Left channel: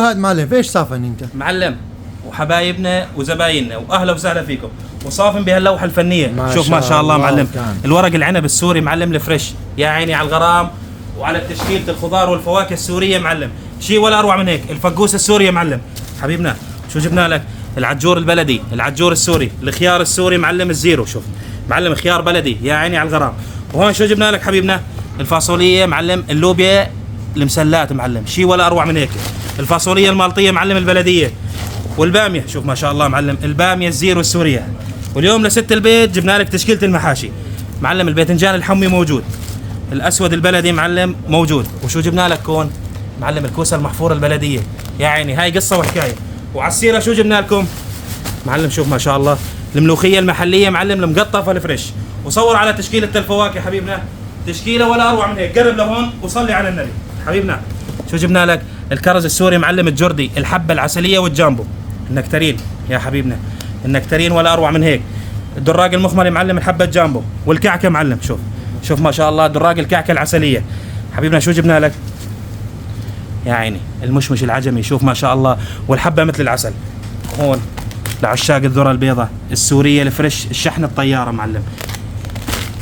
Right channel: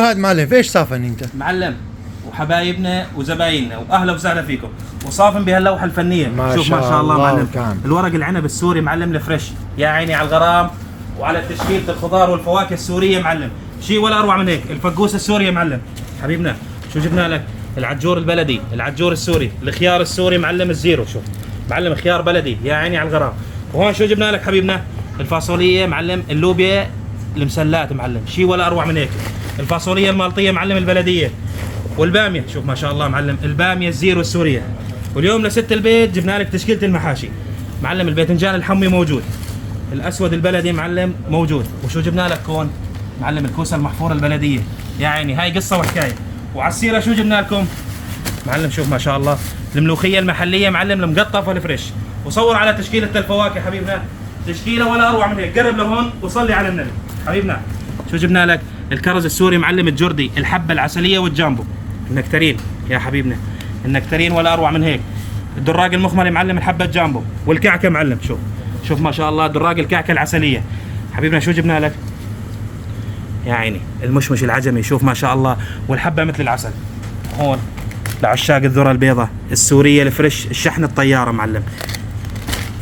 هاد معلم ايش صافن انت؟ معلم وحبايبنا وزبايننا واهلا وسهلا فيكم وصافن بهاللوحه الفنيه. شوف ما شاء الله معلم كان. الورق العنب السوري معلم الفريش، يا عيني على الغرام وعلى تشكيله الخضار والفواكه السوريه معلم، شيء ولا اروع من هيك. الفقوس السوري يا معلم حبيبنا، شو جبنا لك؟ العجور البلدي، العجور السوري، الخيار السوري معلم الزيرو، شوف معلم خيار بلدي يا عيني على الغرام. وهون شو جبنا لك حبيبنا؟ الفاصوليه معلم اللوبيا المسلات معلم، شيء ولا اروع من هيك. الفاصوليه المالطيه معلم البلديه، والباميه شوف ما شاء الله معلم الباميه الزيرو السوريه. واليوم لست البيت جبنا لك تشكيله المحاشي معلم، الباذنجان الحمي موجود، الاسود البلدي معلم موجود. وشو جبنا لك كون؟ معلم الكوسه المحفوره البلديه، يا عيني هاي قصه وحكايه. وعلى السيره شو جبنا لكم؟ معلم شوف ما شاء الله الملوخيه المحليه معلم المقطفه الفريش. وصور على تشكيله الفواكه حبيبنا، تشكيله ولا اروع من هيك. قرب لهون وصلي على النبي حبيبنا. شو جبنا لك؟ الكرز السوري معلم الجردي، الحبه العسليه والجامبو، النكترين يا حبيبنا، النكترين ولا اروع من هيك. الدراج المخمري معلم الحبه الجامبو، والكعكه معلم شوف ما شاء الله دراج الكعكه العسليه حبيبنا. شو جبنا لك؟ يا عيني المشمش العجمي، شوف ما شاء الله، والحبه مثل العسل. هون لعشاق الذره البيضاء السوريه الفريش، الشحن الطياره معلم.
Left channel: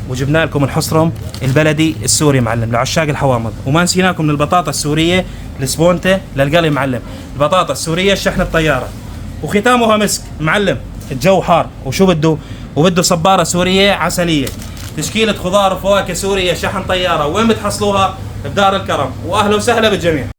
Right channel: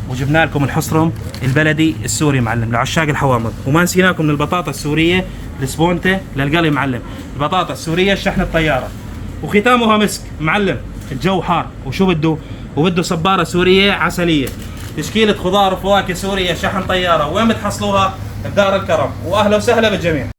وجبنا لكم الحصرم البلدي السوري معلم لعشاق الحوامض. وما نسيناكم من البطاطا السوريه السبونته للقلي معلم، البطاطا السوريه الشحن الطياره. وختامها مسك معلم، الجو حار وشو بده صباره سوريه عسليه، تشكيله خضار وفواكه سوريه شحن طياره. وين بتحصلوها؟ بدار الكرم. واهلا وسهلا بالجميع.